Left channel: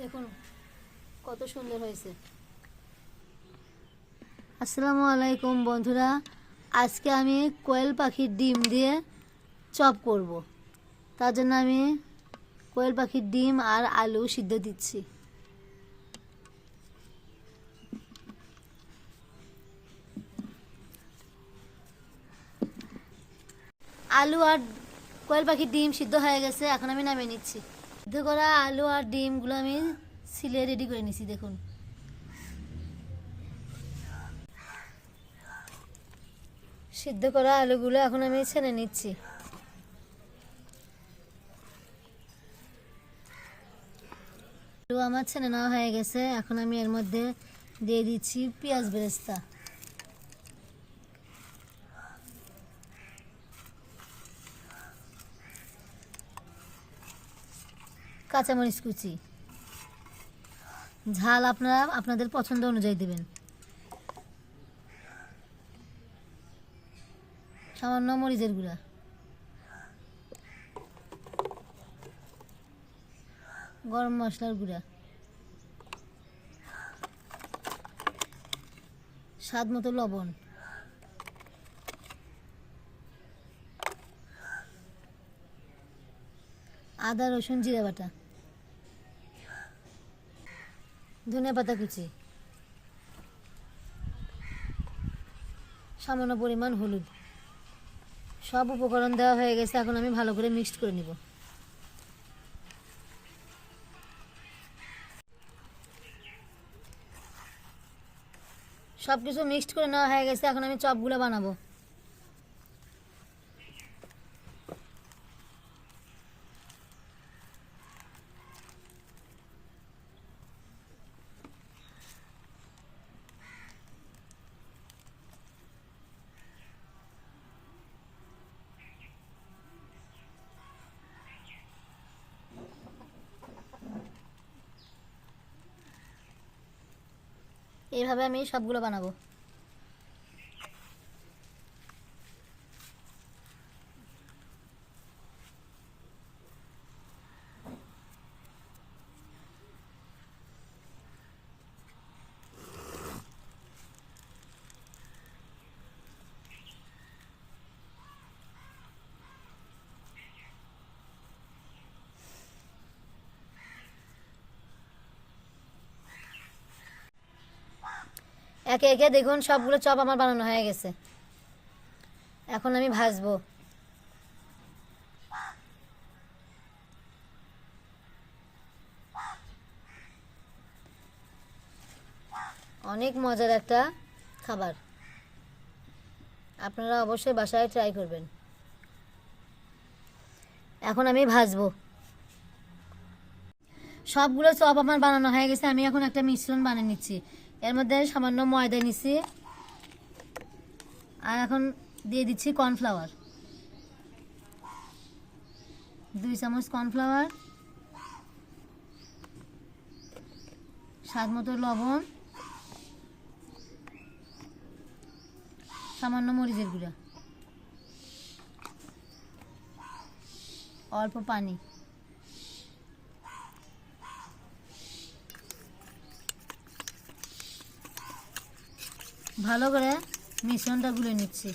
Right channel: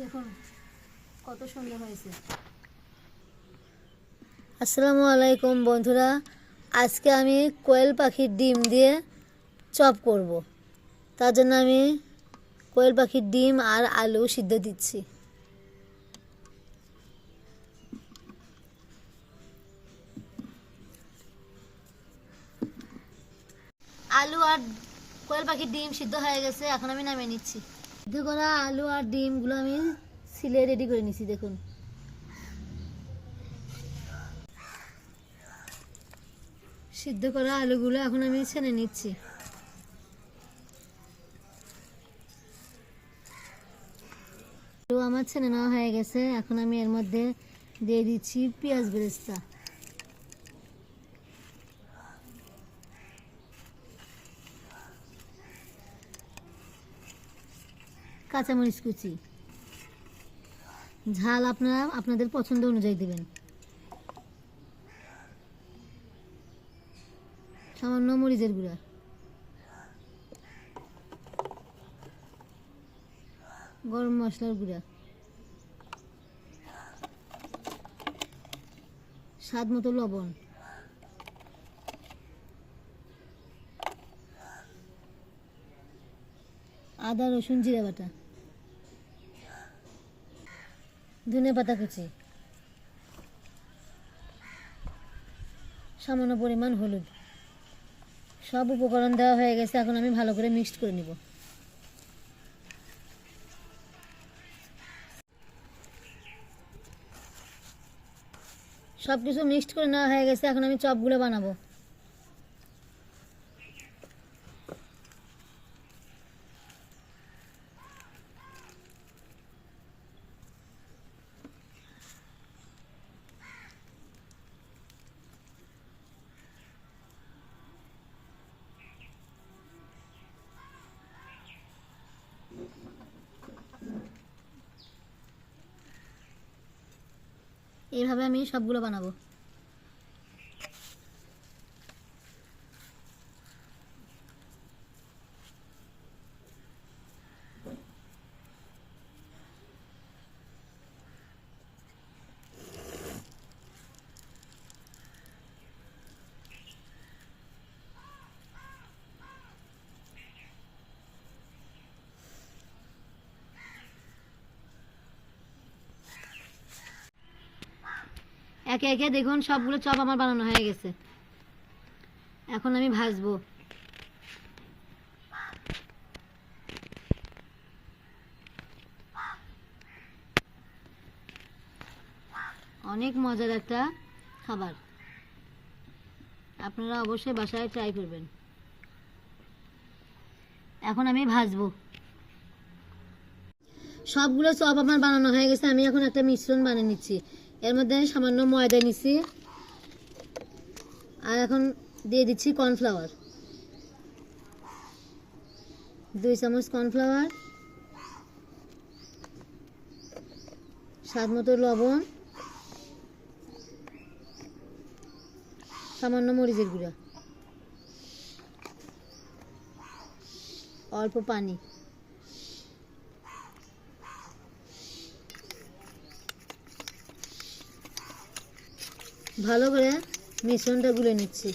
দেখুন কত সুন্দর হয়েছে। আসসালামু আলাইকুম বন্ধুরা, আজকে আমি কোয়েল পাখির ডিম দিয়ে চপ করব। তার জন্য আমি কোয়েল পাখির ডিম আর আলু সিদ্ধ দিচ্ছি। আলু আর কোয়েল পাখির ডিম সিদ্ধ হয়ে গেছে, এখন আমি নামিয়ে নিচ্ছি। সিদ্ধ করা আলু আর ডিমগুলো আমি সিলে রেডি করে নিচ্ছি। দেখুন সিদ্ধ করা আলুগুলো এখন আমি ছেড়ে নিচ্ছি। আলু আমার ছেড়ে নেওয়া হয়ে গেছে, এখন আমি এর মধ্যে দিয়ে দিচ্ছি পেঁয়াজ বেরেস্তা, কাঁচামরিচ কুচি, ঝাল আপনারা আপনাদের পছন্দ অনুযায়ী দেবেন, সামান্য মরিচের গুঁড়া, গরম মশলার গুঁড়া, স্বাদ মতো লবণ, আদা রসুন জিরে বাটা, ধনে পাতা কুচি, সামান্য পরিমাণ হলুদ। সব উপকরণ দেওয়া হয়ে গেছে, এখন আমি ভালো করে মিক্সড করে নিব। সব কিছু মিক্সড করে নেওয়া হয়ে গেছে, এখন আমি চপগুলো বানাবো। এইভাবে আমি সবগুলো বানাবো। একে একে দেখুন সবগুলো চপ আমার বানানো হয়ে গেছে, এখন আমি ভাজবো। অনেক মজার একটা খাবার, আপনারা অবশ্যই বাসায় ট্রাই করবেন। এখন আমি ভাজবো। সবগুলো চপ আমার বানানো হয়ে গেছে, আমি এখন একটা মিশ্রণ বানিয়ে নিচ্ছি। এর মধ্যে সামান্য ময়দা নিচ্ছি, আর এখন দিয়ে দিচ্ছি কর্নফ্লাওয়ার, 2 চামচ কর্নফ্লাওয়ার, স্বাদ মতো লবণ, সামান্য মরিচের গুঁড়া, অল্প পানি, ভালো করে মিশ্রণটা গুলে নিচ্ছি।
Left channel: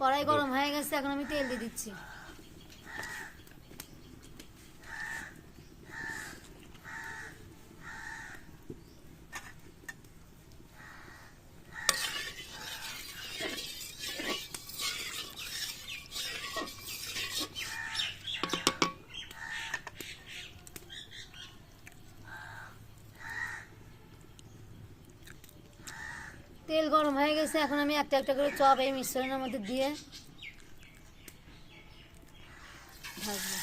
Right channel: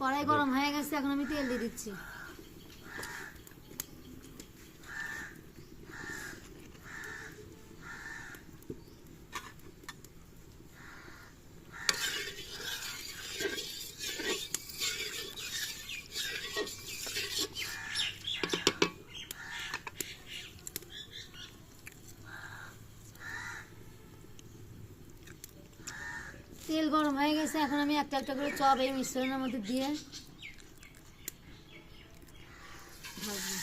কড়াই গরম হয়ে গেছে, এখন আমি তেল দিয়ে দিচ্ছি। তেল গরম হয়ে গেছে, এখন আমি একটা একটা করে চপ এই মিশ্রণের মধ্যে দিয়ে ভাজবো।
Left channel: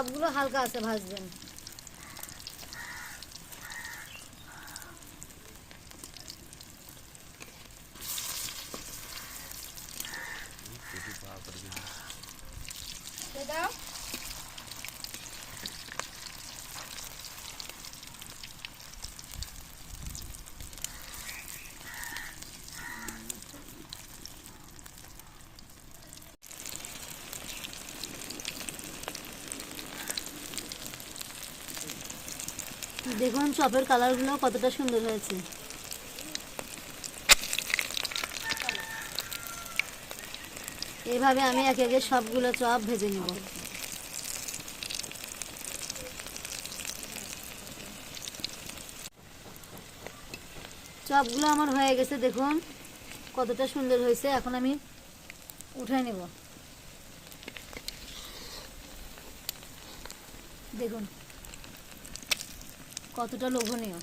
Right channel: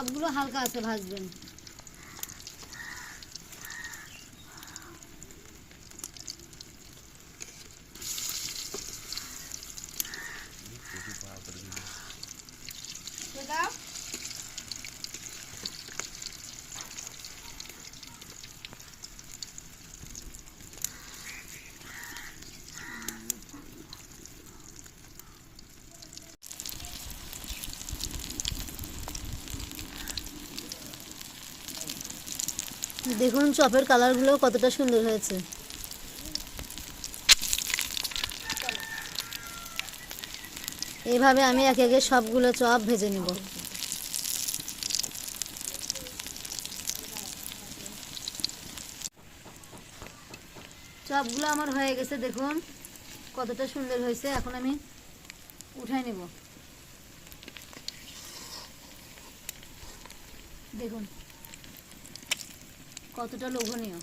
সবগুলো হালকা আছে ভাজবেন। দেখুন চপের কালারগুলো কতটা সুন্দর হয়েছে। এইভাবে আমি একে একে সবগুলো চপ ভেজে নেব। চপগুলো আমার হয়ে গেছে, দেখুন কতটা সুন্দর হয়েছে। এখন আমি উঠাই নেব। দেখুন কতটা লোভনীয়।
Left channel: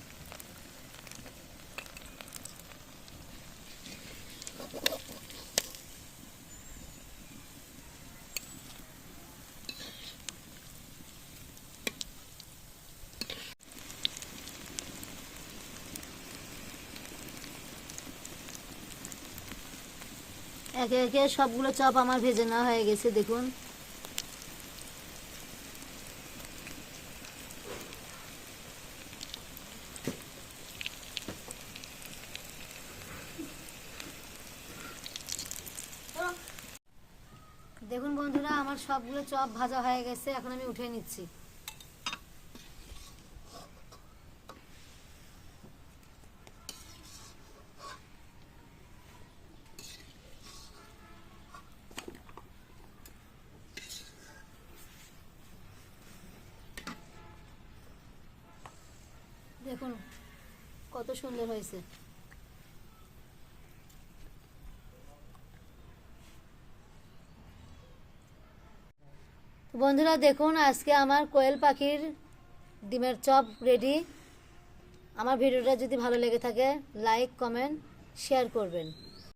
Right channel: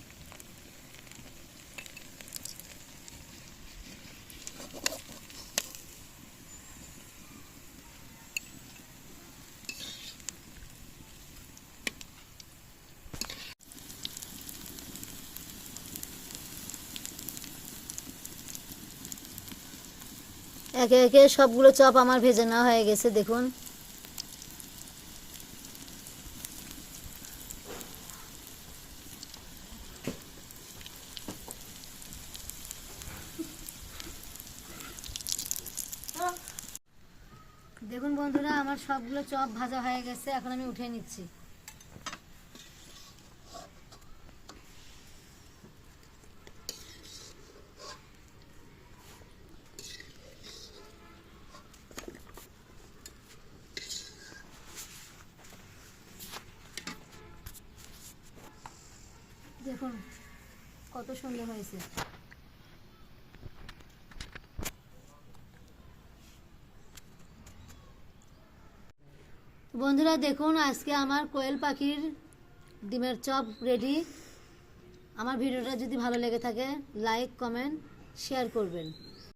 একে একে সবগুলো চপ আমার ভেজে নেওয়া হয়ে গেছে, দেখুন। দেখুন বন্ধুরা, আমার সবগুলো চপ ভাজা হয়ে গেছে। এখন আমি উঠিয়ে নিচ্ছি। দেখুন কত সুন্দর হয়েছে। বন্ধুরা দেখুন, আজকে আমার কোয়েল পাখির ডিমের চপ রেডি। আমার ভিডিওটা যদি ভালো লেগে থাকে লাইক, কমেন্ট, শেয়ার করবেন।